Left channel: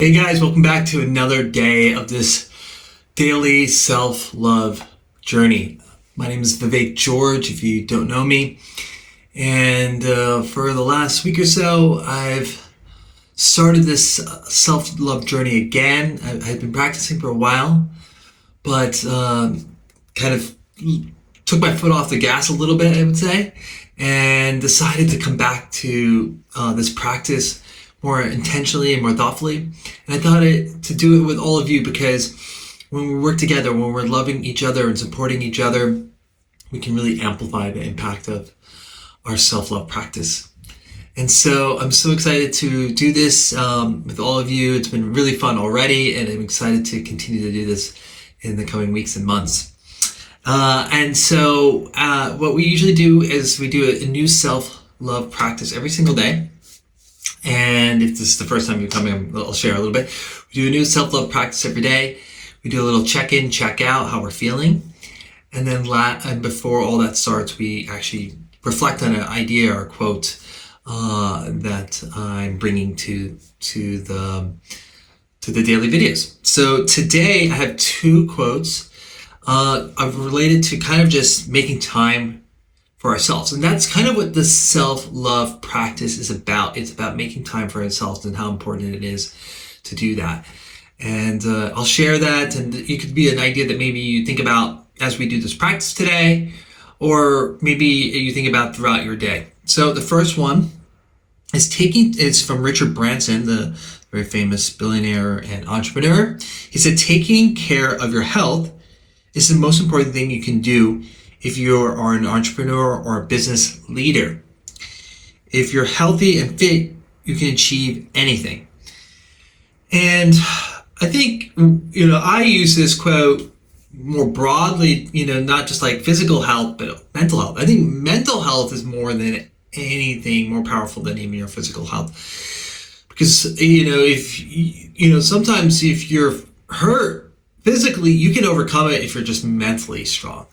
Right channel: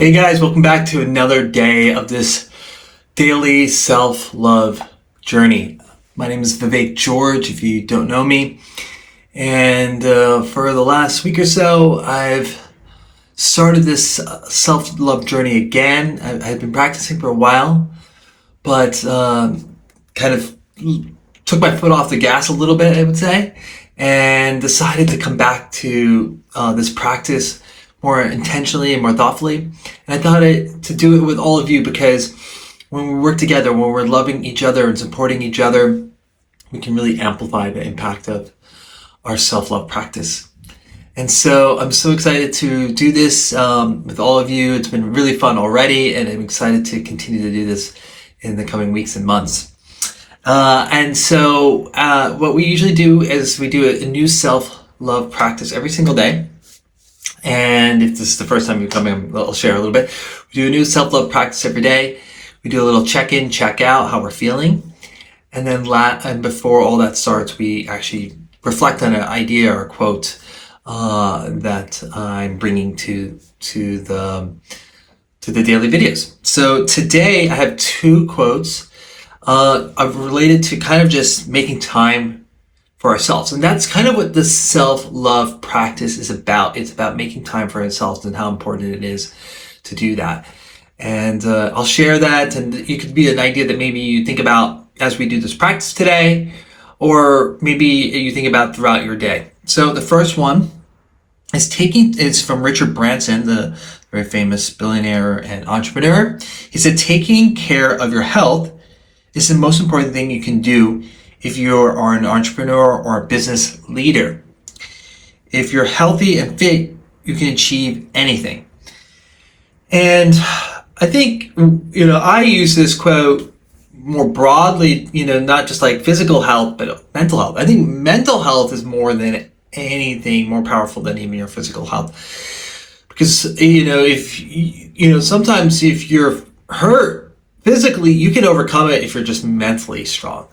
Hey guys, welcome back to another day of this daily self-love journey. My name is Vivek George, if you don't know me. And for the last week or so, I've started this self-love journey again. I've been practicing for a while, but kind of took my foot off the gas a little bit, I would say, and decided to come back to this practice more intentionally and more thoughtfully. And I thought to do it with all of you because when we work together, when we're loving each other and supporting each other, we can really amplify the impact of our self-love practice. And so I'm so excited to do this with all of you. It's been really fun already, and I'm excited to continue to do this in the coming weeks and months. And so what we usually do is we do a new self-love practice every single day. And if this is the first time you're coming, I'll share a little bit. We do a new self-love practice every day. We do a little check-in, check-out, how we're feeling. And then and before all that starts, we actually reflect on an idea or quote that I'm bringing to the daily videos. So today I have two quotes related to kind of just making time for ourselves. And that's kind of what the self-love practice is about. It's about making time for ourselves and how important it is to do that. And I'll share that, and it could be an idea that maybe you think about as we do this practice today, or maybe you think about throughout your day. So the first one is from Richard Branson, the very famous billionaire and entrepreneur. He said, taking care of your health is the most important thing you can do if you are an entrepreneur or a business leader. If you're healthy and fit, you can achieve anything. And I think, I use this quote more broadly, not just like physical health, but mental health. I think mental health is more than anything more powerful than even your physical health. Because, sometimes if you're hurt physically, you can overcome it if you're just mentally strong.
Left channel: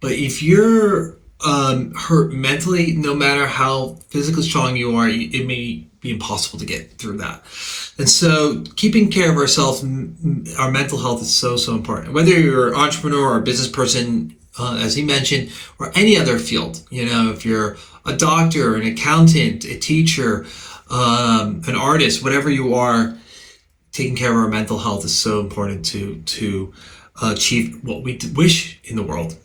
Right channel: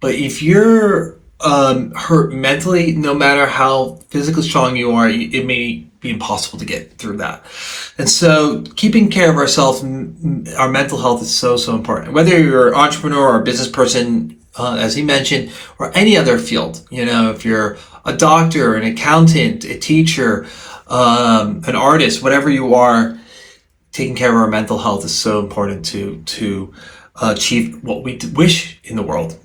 But if you're hurt mentally, no matter how physically strong you are, it may be impossible to get through that. And so keeping care of ourselves, our mental health is so, so important. Whether you're an entrepreneur or a business person, as he mentioned, or any other field, if you're a doctor, an accountant, a teacher, an artist, whatever you are, taking care of our mental health is so important to achieve what we wish in the world.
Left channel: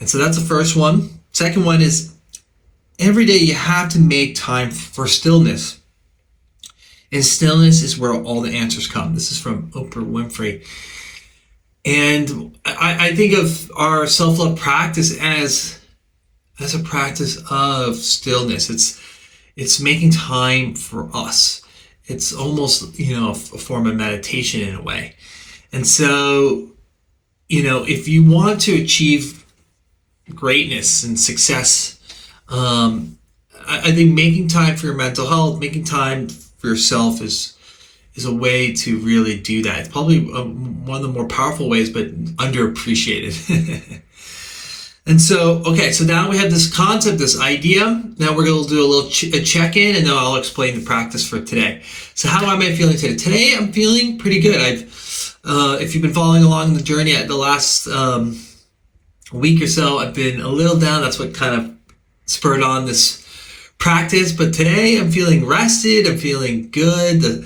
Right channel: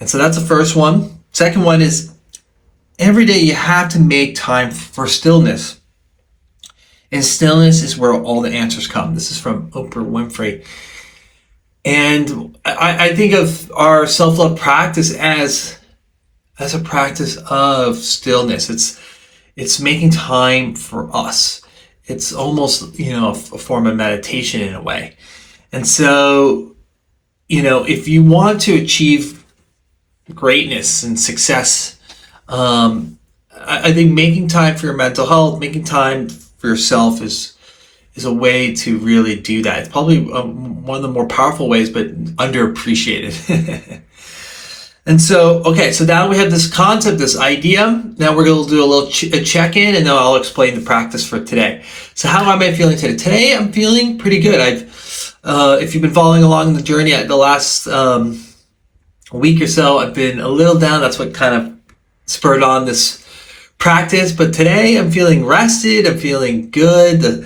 And so that's the first one. Second one is every day you have to make time for stillness. And stillness is where all the answers come. This is from Oprah Winfrey. And I think of our self-love practice as a practice of stillness. It's making time for us. It's almost, a form of meditation in a way. And so, if you want to achieve greatness and success, I think making time for your mental health, making time for yourself is a way to really do that. It's probably one of the more powerful ways, but underappreciated. And so, so now we have this concept, this idea. Now we're going to do a little check-in, and then I'll explain the practice for today. So how am I feeling today? Today I'm feeling pretty good. If you've been following along the journey at the last week or so, I've been a little down. That's what kind of spurred on this practice. But today I'm feeling rested. I'm feeling good. The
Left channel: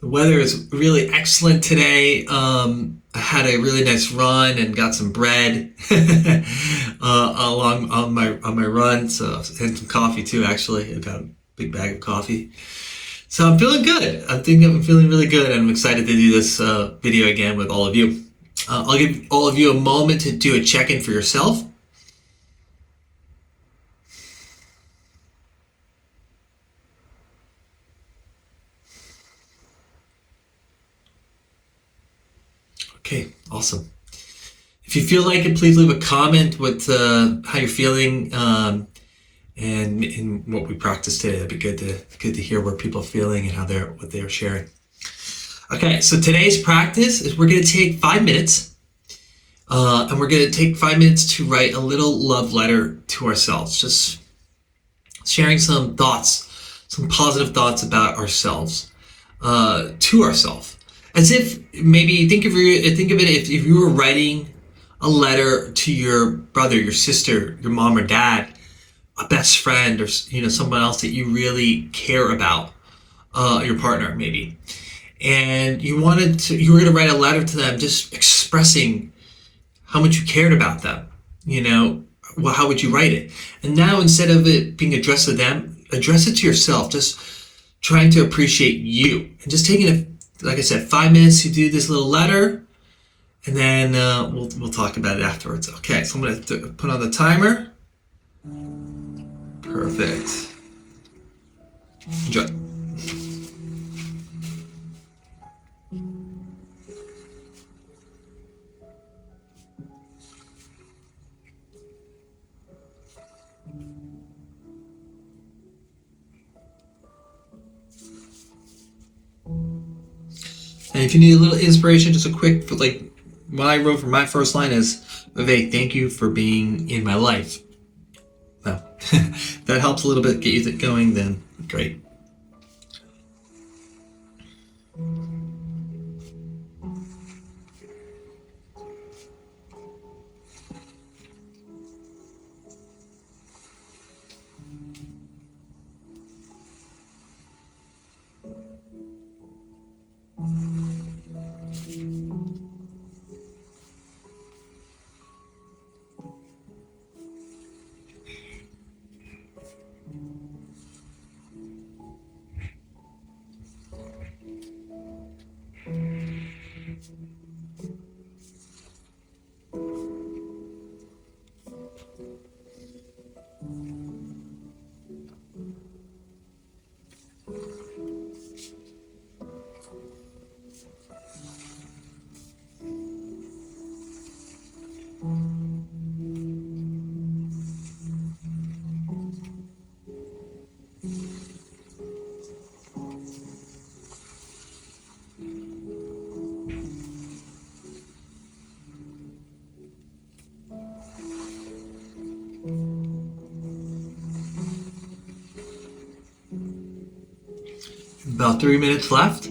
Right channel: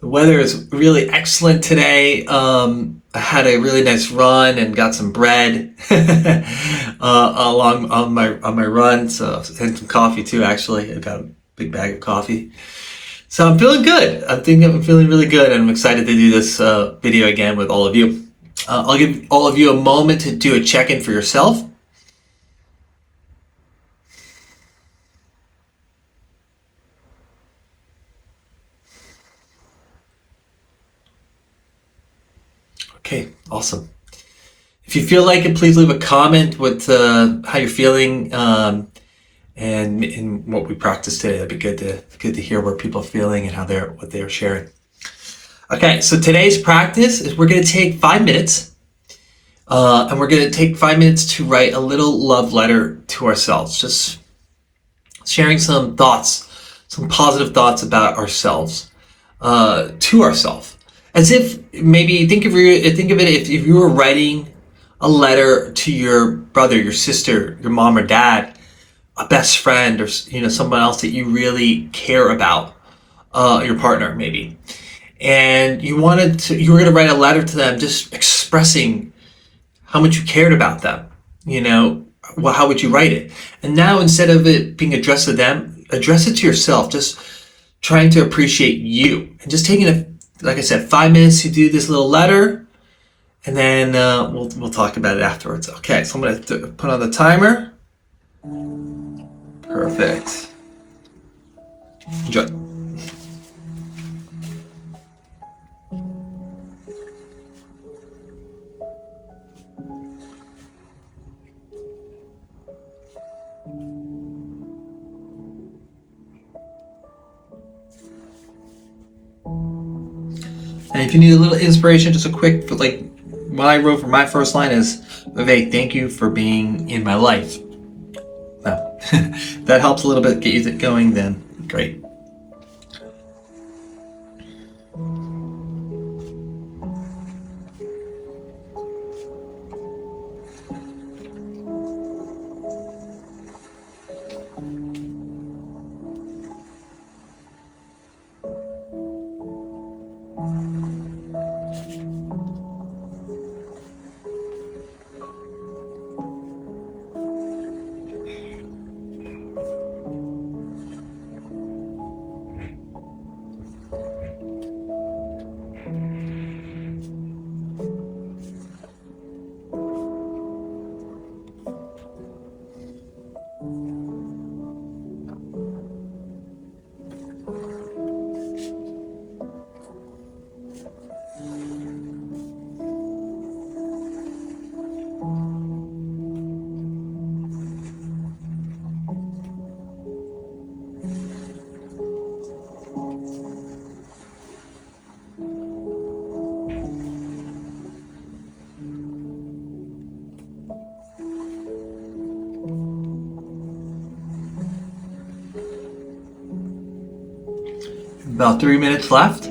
weather is really excellent today. I had a really nice run and got some bread along on my run. So and some coffee too. Actually, I got a big bag of coffee. So I'm feeling good. I think I'm feeling really good, and I'm excited to do this video again with all of you. I'll give all of you a moment to do a check-in for yourself. Okay, awesome. If you feel like it, please leave a comment with how you're feeling and what we practiced today. That'd be good to hear where people are feeling and what they're sharing. Okay, so today's practice is we're going to take 5 minutes, and we're going to take 5 minutes to write a little love letter to ourselves, just sharing some thoughts, some positive thoughts about ourselves. to ourselves, as if maybe think of it if you were writing a letter to your brother, your sister, your mom or dad, a best friend, or someone else that you really care about, your partner maybe, and you were going to write a letter to them, just expressing how much you cared about them. Well, how would you write it? And now, instead of it being addressed to them, address it to yourself. Just trying to appreciate you, and just taking like I said, 5 minutes to do this little letter, and then we'll talk about it afterwards. Okay, so I'm going to put on the timer. Perfect. Enjoy. And if you need a little inspiration, just a quick, like what I wrote for my first line is, Vivek, thank you for being in my life. Now, that helps a little bit, get you going, then great. About 3 minutes left.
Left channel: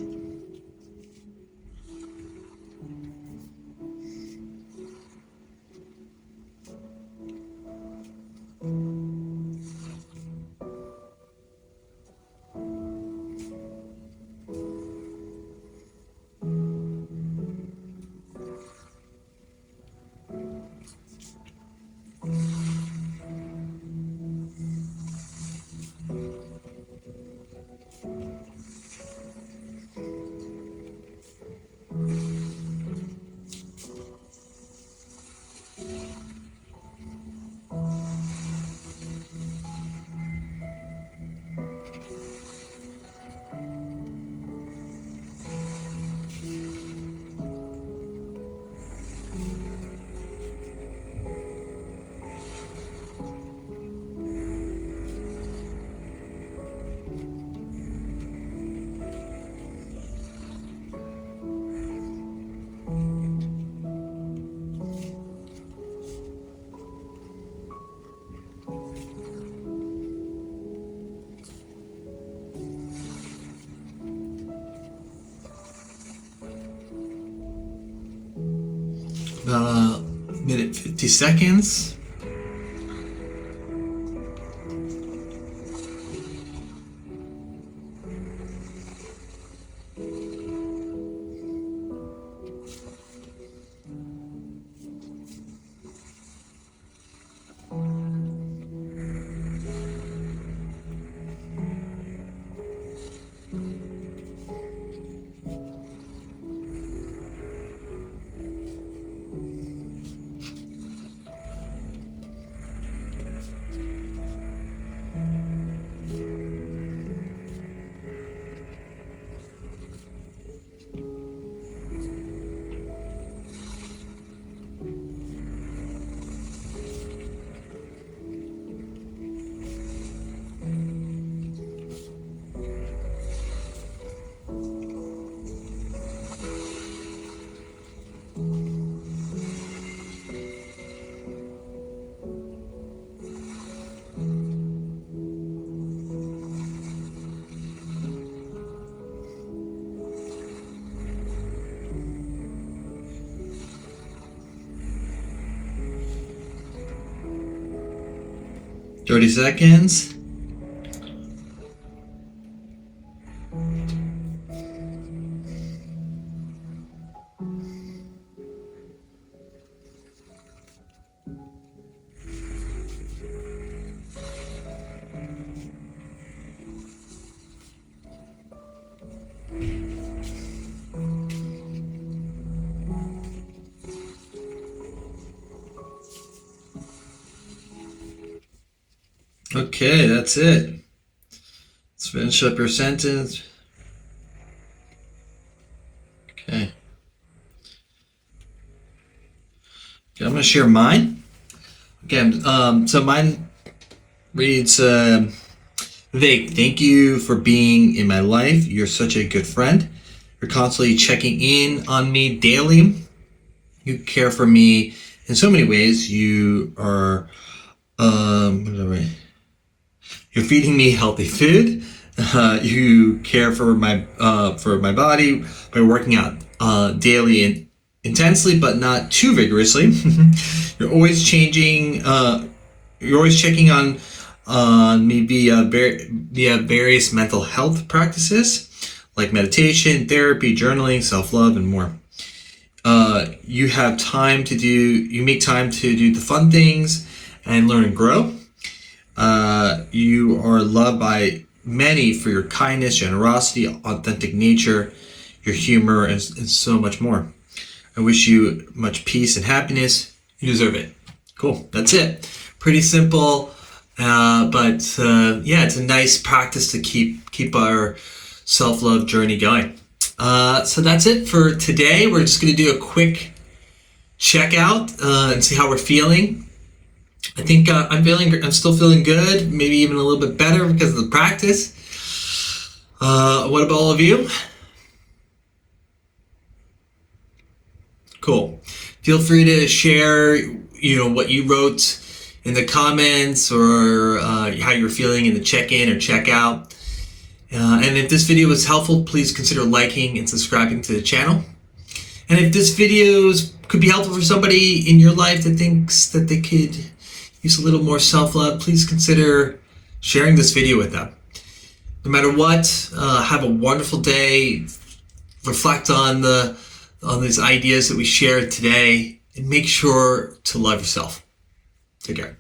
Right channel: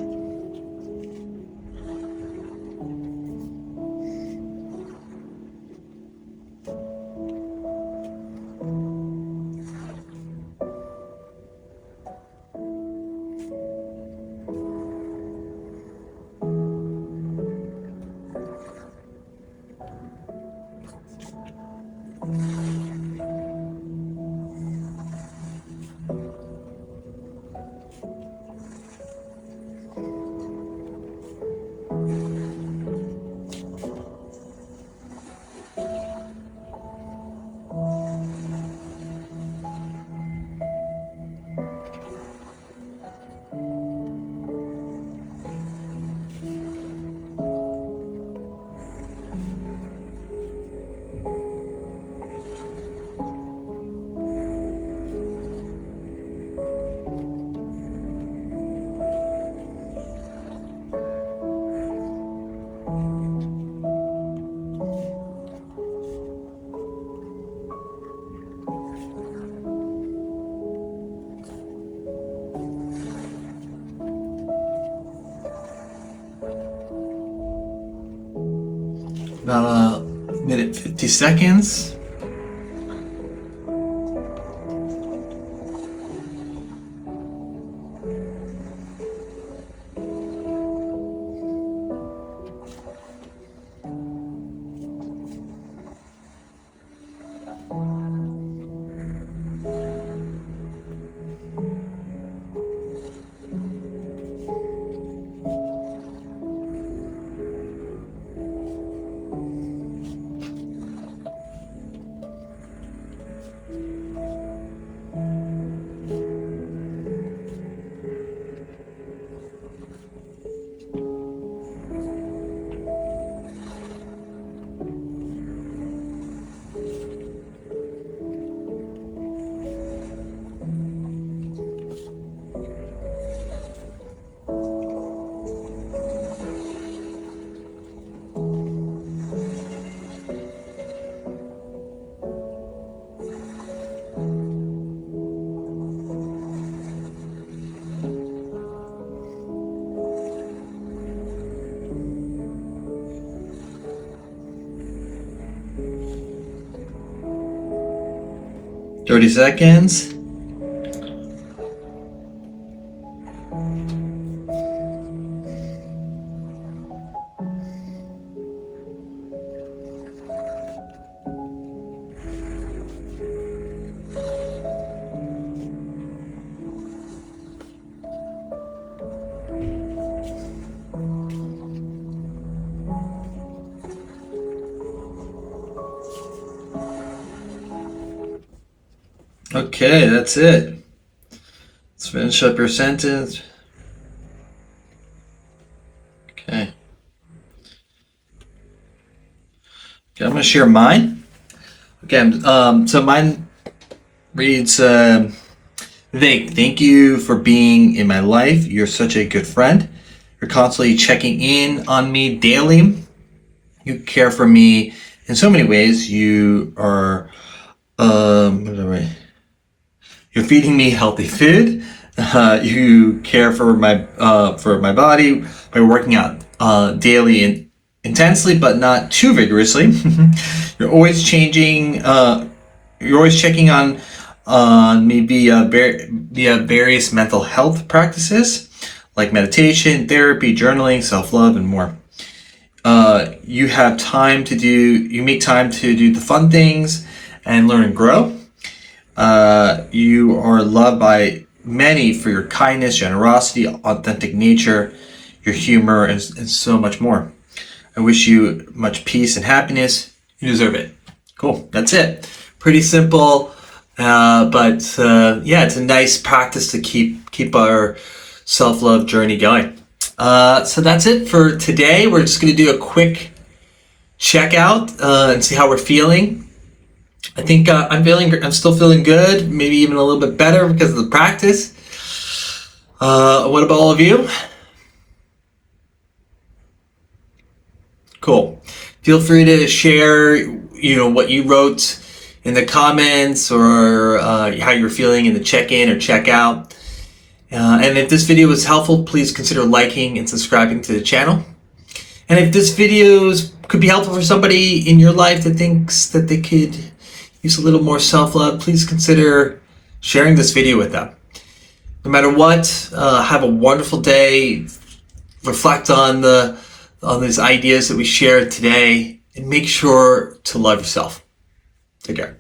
About a minute 50 seconds. 30 seconds. Okay, that's it. Let's finish up your sentence. Okay. I'm going to share mine. Okay, so mine reads, Vivek, thank you for being in my life. You're such a good friend. You're constantly checking in on me daily. You care for me in so many ways. You are, you're feeding me healthy food. You care for my body by working out daily and intensely, but not too vigorously. You're always changing. You're always checking on me via various mental health practices like meditation, therapy, journaling, self-love, and more. You have time to do. You make time to do the fun things and learn and grow. You are loved by many for your kindness, generosity, authentic nature, your humor, and so much more. I wish you much peace and happiness. You deserve it. Cool. That's it. Pretty simple, but it's a nice practice to keep our self-love journey going. So that's it for today. We're just going to do a quick checkout and see how we're feeling. I think I'm still feeling good, maybe even a little bit better because of the practice. What about all of you? Cool. Feel free to share, what you wrote in the comments or how you're feeling in the check-in or check-out. And if this video was helpful, please consider liking and subscribing to the channel. And if this video could be helpful for somebody in your life that thinks that they could use a little more self-love, please consider sharing this video with them. No matter what, have a wonderful day. Reflect on these ideas that we shared today, and make sure to love yourself. Take care.